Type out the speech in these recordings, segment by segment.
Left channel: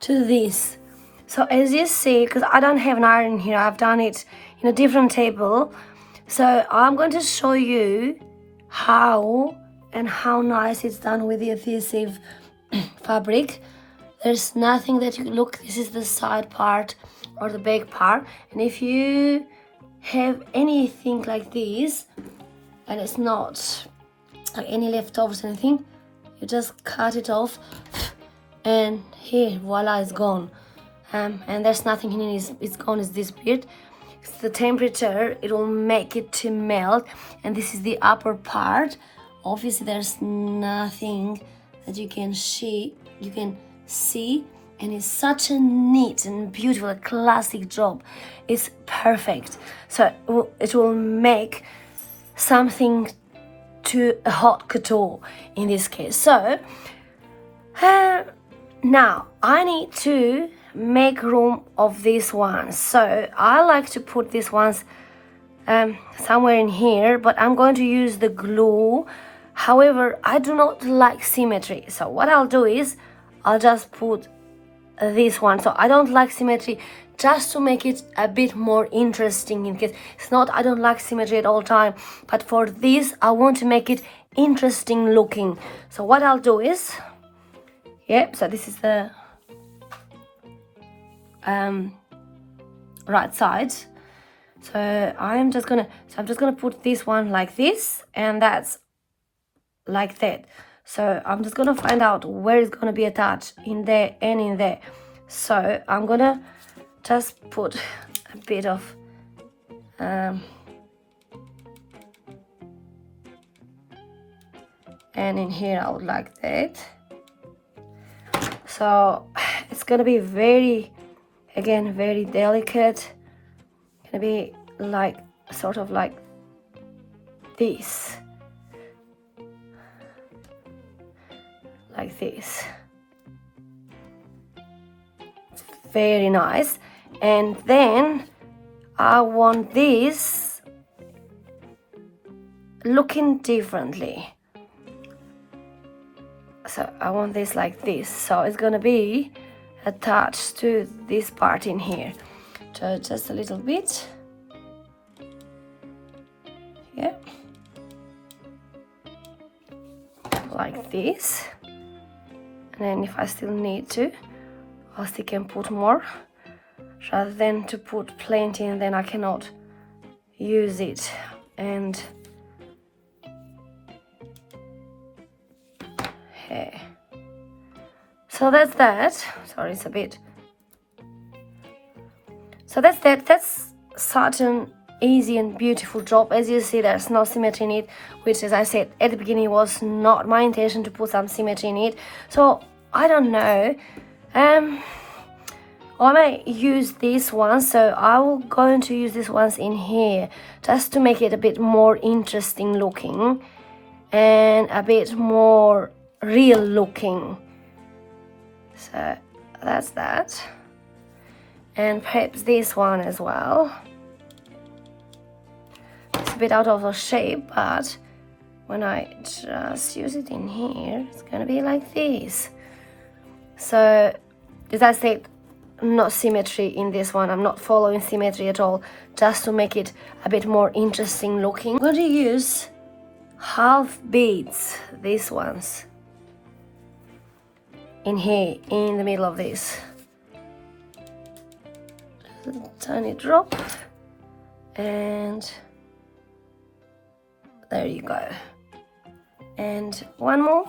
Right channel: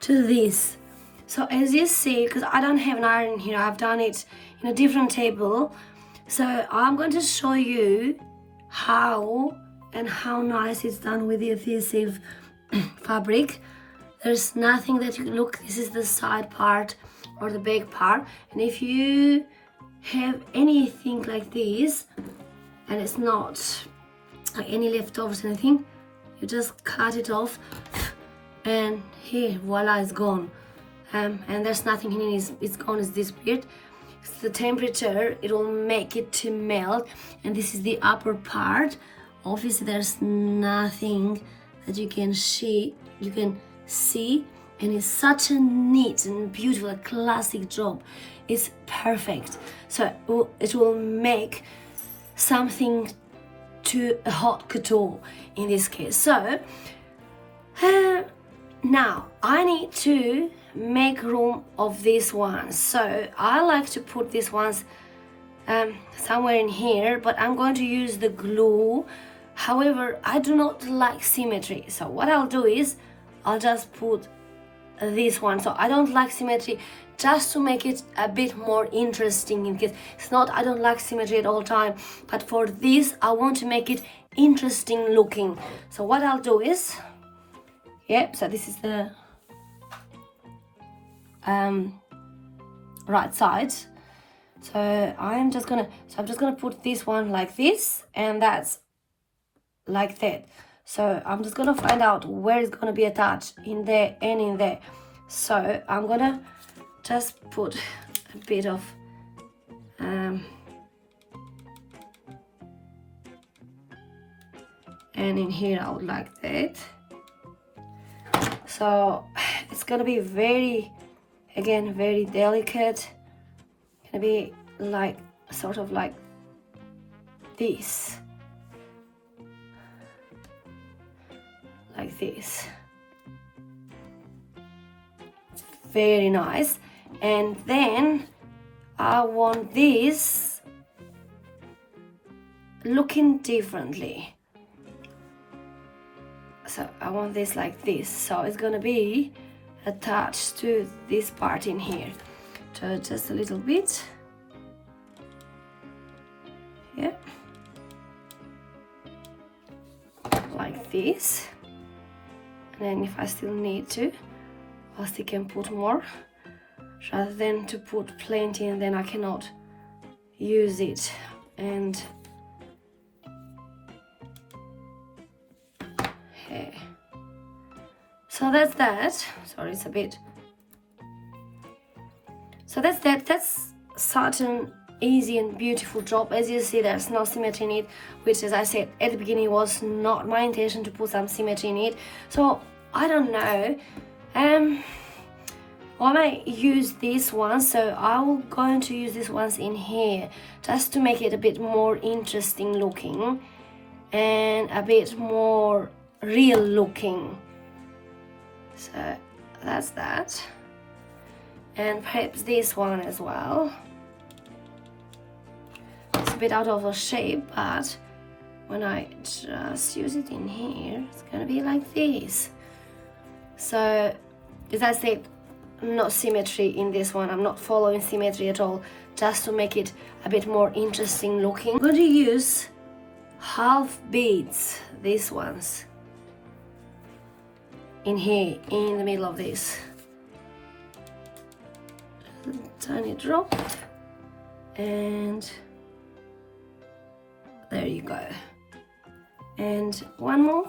to this. So as you see, because I don't have an iron here, I've done it in a different table. So I'm going to show you how nice it's done with the adhesive fabric. There's nothing that you can look. This is the side part or the back part, and if you have anything like this and it's not like any leftovers or anything, you just cut it off and here, voila, it's gone. And there's nothing in it, it's gone, it's disappeared. It's the temperature, it will make it to melt, and this is the upper part. Obviously there's nothing that you can see, and it's such a neat and beautiful, classic job. It's perfect. So it will make something to a haute couture in this case. So now I need to make room of these ones. So I like to put these ones somewhere in here, but I'm going to use the glue. However, I do not like symmetry. So what I'll do is I'll just put this one. So I don't like symmetry, just to make it a bit more interesting, in case it's not I don't like symmetry at all time, but for this I want to make it interesting looking. So what I'll do is, so this is the right side. So I'm just gonna put this one like this, and that's like that. So I'm just gonna find out where it's gonna be attached, in there and in there. So I'm gonna just put a bit of and in here I would like that. So it's gonna be very delicate. It's gonna be like sort of like this. Like this. Very nice. And then I want this looking differently. So I want this like this. So it's gonna be attached to this part in here. So just a little bit. Like this. And then if I still need to, I still can put more, rather than to put plenty and then I cannot use it. And so that's that. Sorry, it's a bit. So that's that. That's such an easy and beautiful job. As you see, there's no symmetry in it, which, as I said at the beginning, was not my intention to put some symmetry in it. So I don't know, I might use these ones, so I will going to use these ones in here just to make it a bit more interesting looking and a bit more real looking. So that's that, and perhaps this one as well. It's a bit out of the shape, but when I just use it in here, it's gonna be like this. So as I said, no symmetry in this one. I'm not following symmetry at all, just to make it a bit more interesting looking. I'm going to use half beads, these ones, in here, in the middle of this. Tiny drop, and there you go. And one more.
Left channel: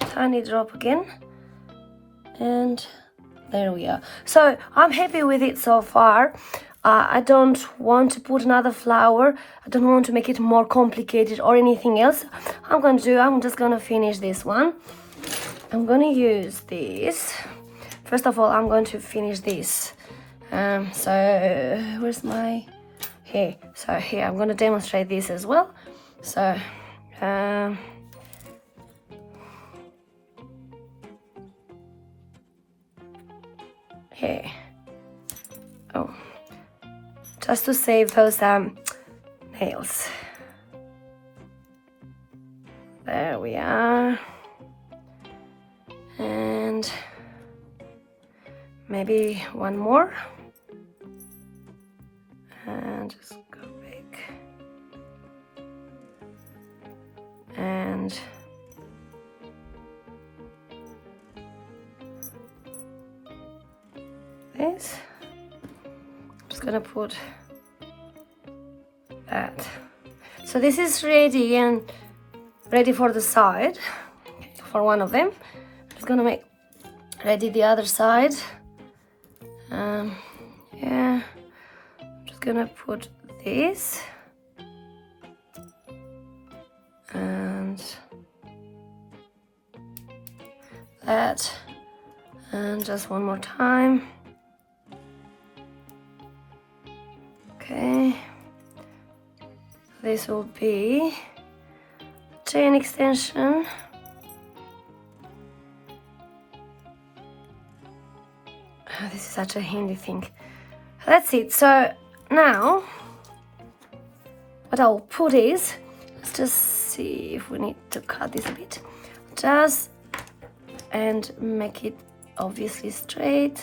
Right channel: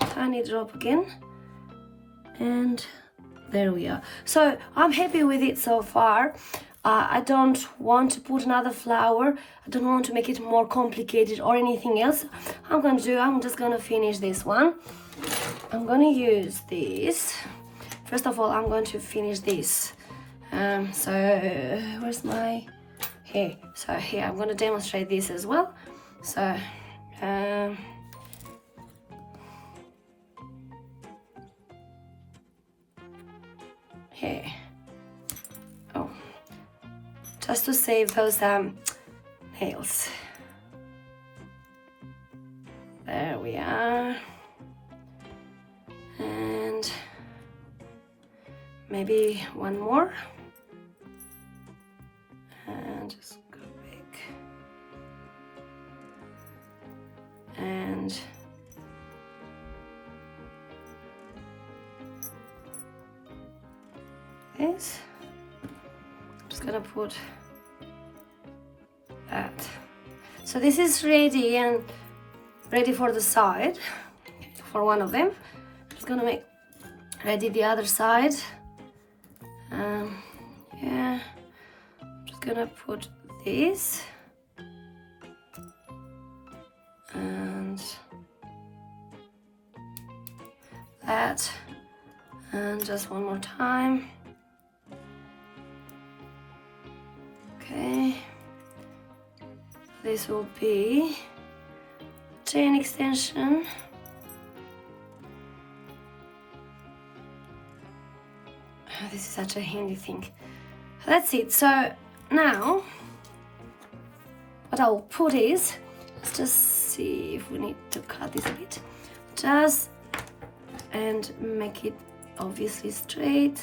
Tiny drop again, and there we are. So I'm happy with it so far. I don't want to put another flower. I don't want to make it more complicated or anything else. I'm just gonna finish this one. I'm gonna use this. First of all, I'm going to finish this. So where's my here? So here I'm gonna demonstrate this as well. So here. Oh, just to save those nails. There we are. maybe one more, and just go back, and this. I'm just gonna put that. So this is ready and ready for the side, for one of them. I'm just gonna make ready the other side. Yeah, I'm just gonna put this and that, and just one more time. Okay, this will be chain extension. Oh, this is such a handy thing. That's it. So now what I'll put is, let's just see if we need to cut this a bit, just and make it obviously straight.